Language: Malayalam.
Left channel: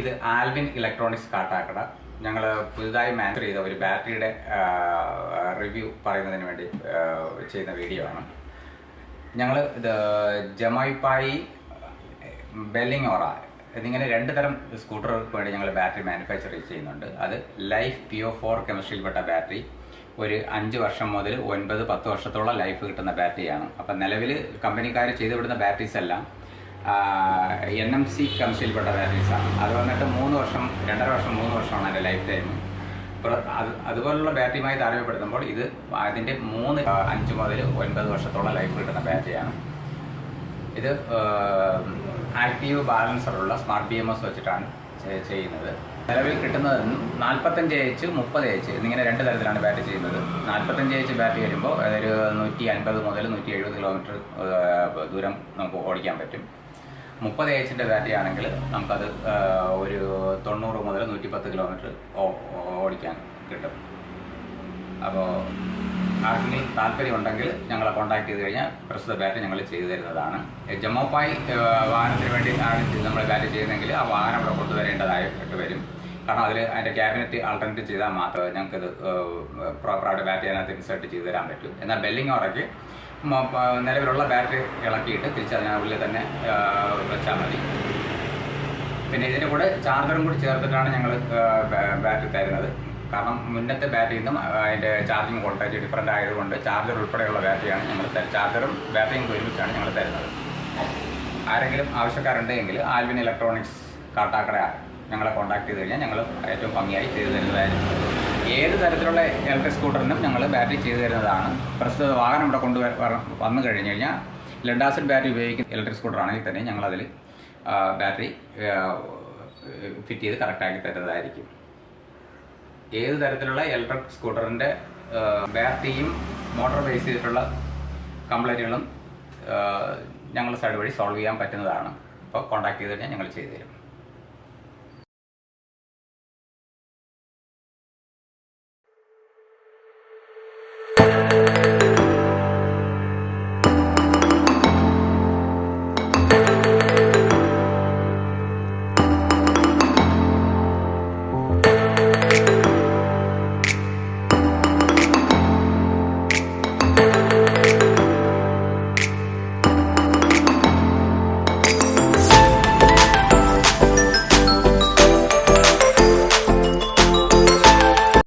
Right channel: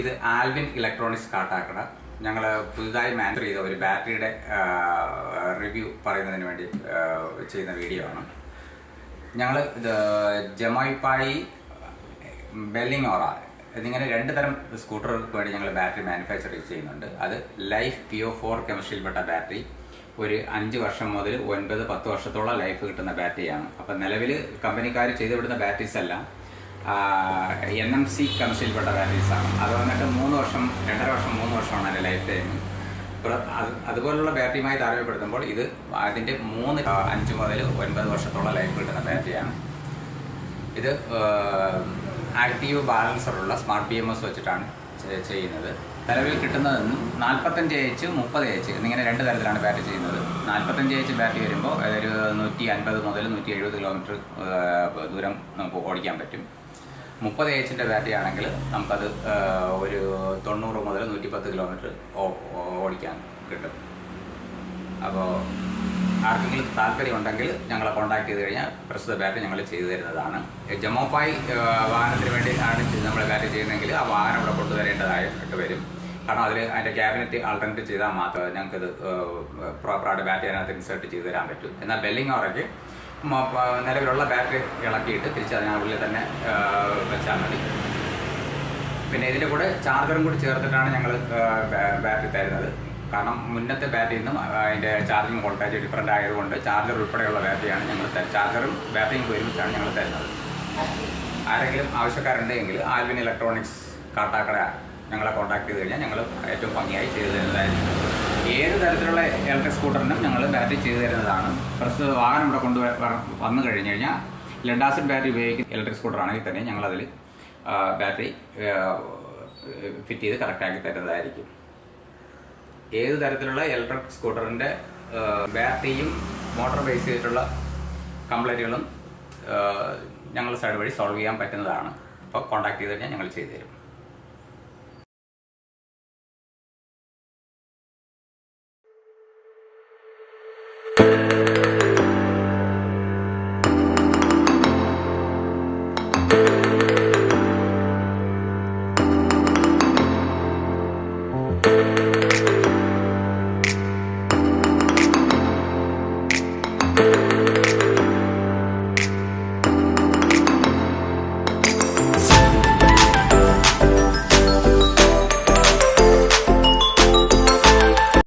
ഇത് ആൽവിൻ ഇലക്ട്രോണിക്സ് കാട്ടാക്കട. ഞങ്ങൾ പുതുതായി മാനുഫാക്ചർ ചെയ്ത ഒരു ബാറ്ററിയുടെ റിവ്യൂ പറയുന്നതിന് വേണ്ടി ചെയ്യുന്ന വീഡിയോ ആണ്. ഞങ്ങൾ ഇത് ജമൈപ്പായി, ബെല്ലിങ്ങോറ എന്നിങ്ങനെ 2 തരം സ്കൂട്ടറുകൾക്ക് വേണ്ടി ഞങ്ങൾ ബാറ്ററി മാനുഫാക്ചർ ചെയ്യുന്നുണ്ട്. അത് ലൈഫ് PO4 കെമിസ്ട്രിയിൽപ്പെട്ട ബാറ്ററി. ഒരു 5 വർഷം മുതൽ 9-10 വർഷത്തോളം ലൈഫ് കിട്ടുന്ന ബാറ്ററിയാണ്. അപ്പം നിലവിൽ കമ്പനിക്കാർ ചെയ്തുവിടുന്ന ബാറ്ററീസ് എല്ലാം NMC കെമിസ്ട്രിയിൽപ്പെട്ട ബാറ്ററീസാണ്. അത് വന്നിട്ട് 3 വർഷം, 2.5 വർഷം, 3 വർഷമാണ് അതിൻ്റെ ലൈഫ് ടൈം. അതുപോലുള്ള ബാറ്ററിയുമായി താരതമ്യപ്പെടുത്തുമ്പോൾ ഇത് അതിൻ്റെ 5 മുതൽ 9 വർഷത്തോളം ലൈഫ് കിട്ടുന്ന ബാറ്ററിയാണ്. ഇത് ആക്റ്റീവ് ബാലൻസറുള്ള സ്മാർട്ട് BMS വെച്ചിട്ടാണ് ചെയ്യുന്നത്. നിലവിൽ കിട്ടുന്നത് 45H, 30H എന്നിങ്ങനെ 2 തരത്തിലാണ് ബാറ്ററി ചെയ്യുന്നത്. 45H ബാറ്ററി വരുമ്പോൾ ഒരു 150 മുതൽ 170 കിലോമീറ്റർ ദൂരം നമുക്ക് ഓടിക്കാൻ പറ്റും. 30Hൻ്റെ ബാറ്ററി ആണെങ്കിൽ നമുക്കത് ഒരു 90 മുതൽ 110 കിലോമീറ്റർ ഓടിക്കാൻ കിട്ടും. അപ്പോൾ ആർക്കെങ്കിലും താല്പര്യം ഉണ്ടെങ്കിൽ ഞങ്ങളെ കോൺടാക്ട് ചെയ്ത് കഴിഞ്ഞാൽ പ്രസ്തുത ബാറ്ററി ഞങ്ങൾ ചെയ്തു തരുന്നതാണ്. ജമോപ്പായി വാഹനത്തിന് വേണ്ടി ആണ് നമ്മൾ ബാറ്ററി ചെയ്യുന്നതെങ്കിൽ ആ വാഹനം ഇവിടെ കൊണ്ടുവരേണ്ടതായിട്ട് വരും. കാരണം അതിൻ്റെ ക്യാബിനറ്റ് ആൾട്ടർനേറ്റ് ചെയ്താൽ മാത്രമേ ഞങ്ങൾക്കത് പ്രോപ്പറായിട്ട് ബാറ്ററി അതിനകത്ത് ഇൻസേർട്ട് ചെയ്ത് തരാൻ പറ്റും. എന്നാൽ ബെല്ലിങ്ങോറയ്ക്ക് നിലവിലുള്ള ബാറ്ററി ഇളക്കിയിട്ട് തിരിച്ച് അതിനുള്ളിൽ തന്നെ വെച്ചാൽ മതി. പിന്നെ ഇതിൻ്റെ കൂടെ ചാർജറും കൂടി ചേർത്തിട്ടാണ് ഞങ്ങൾ ബാറ്ററി തരുന്നത്. കാരണം മുന്നത്തെ ബാറ്ററിയിൽ നിന്നും അതിൻ്റെ ചാർജിങ് വോൾട്ടേജ് ഡിഫറൻ്റ് ആയതുകൊണ്ട് ചാർജർ ഉൾപ്പെടെയുള്ള ബാറ്ററിയാണ് ഞങ്ങൾ ചാർജറും ബാറ്ററിയും ഒരുമിച്ചാണ് ഞങ്ങൾ തരുന്നത്. ആരെങ്കിലും ആവശ്യക്കാരുണ്ടെങ്കിൽ ആൽവിൻ ഇലക്ട്രോണിക്സ് കാട്ടാക്കട ഞങ്ങളെ കോൺടാക്ട് ചെയ്ത് കഴിഞ്ഞാൽ ഞങ്ങൾ ഏറ്റവും ഭംഗിയായി ചെയ്തു തരുന്നതായിരിക്കും. ഏത് തരത്തിലുള്ള ഇലക്ട്രിക് സ്കൂട്ടറിനും ഞങ്ങൾ ബാറ്ററി ചെയ്തു തരുന്നതാണ്. പ്രസ്തുത വാഹനം ഇവിടെ വന്നു കഴിഞ്ഞ് കഴിഞ്ഞാൽ ലെഡ് ആസിഡ് ബാറ്ററി ഉപയോഗിക്കുന്ന ഇലക്ട്രിക് സ്കൂട്ടറാണെങ്കിൽ തന്നെ ഞങ്ങളതിൽ ബാറ്ററി ഫിറ്റ് ചെയ്ത് കറക്റ്റാക്കി തരുന്നതായിരിക്കും. ഏത് തരത്തിലുള്ള ഇലക്ട്രിക് സ്കൂട്ടറിൻ്റെ ബാറ്ററിയും മോട്ടോർ ബേസ് ചെയ്തിട്ടുള്ള കംപ്ലൈൻറ്റുകളും ഞങ്ങൾ സൈഡ് വഴി സോൾവ് ചെയ്യാൻ പറ്റുന്നതാണ്. അപ്പോൾ കോൺടാക്ട് ചെയ്ത് കഴിഞ്ഞാൽ ഞങ്ങൾ ചെയ്തു തരും.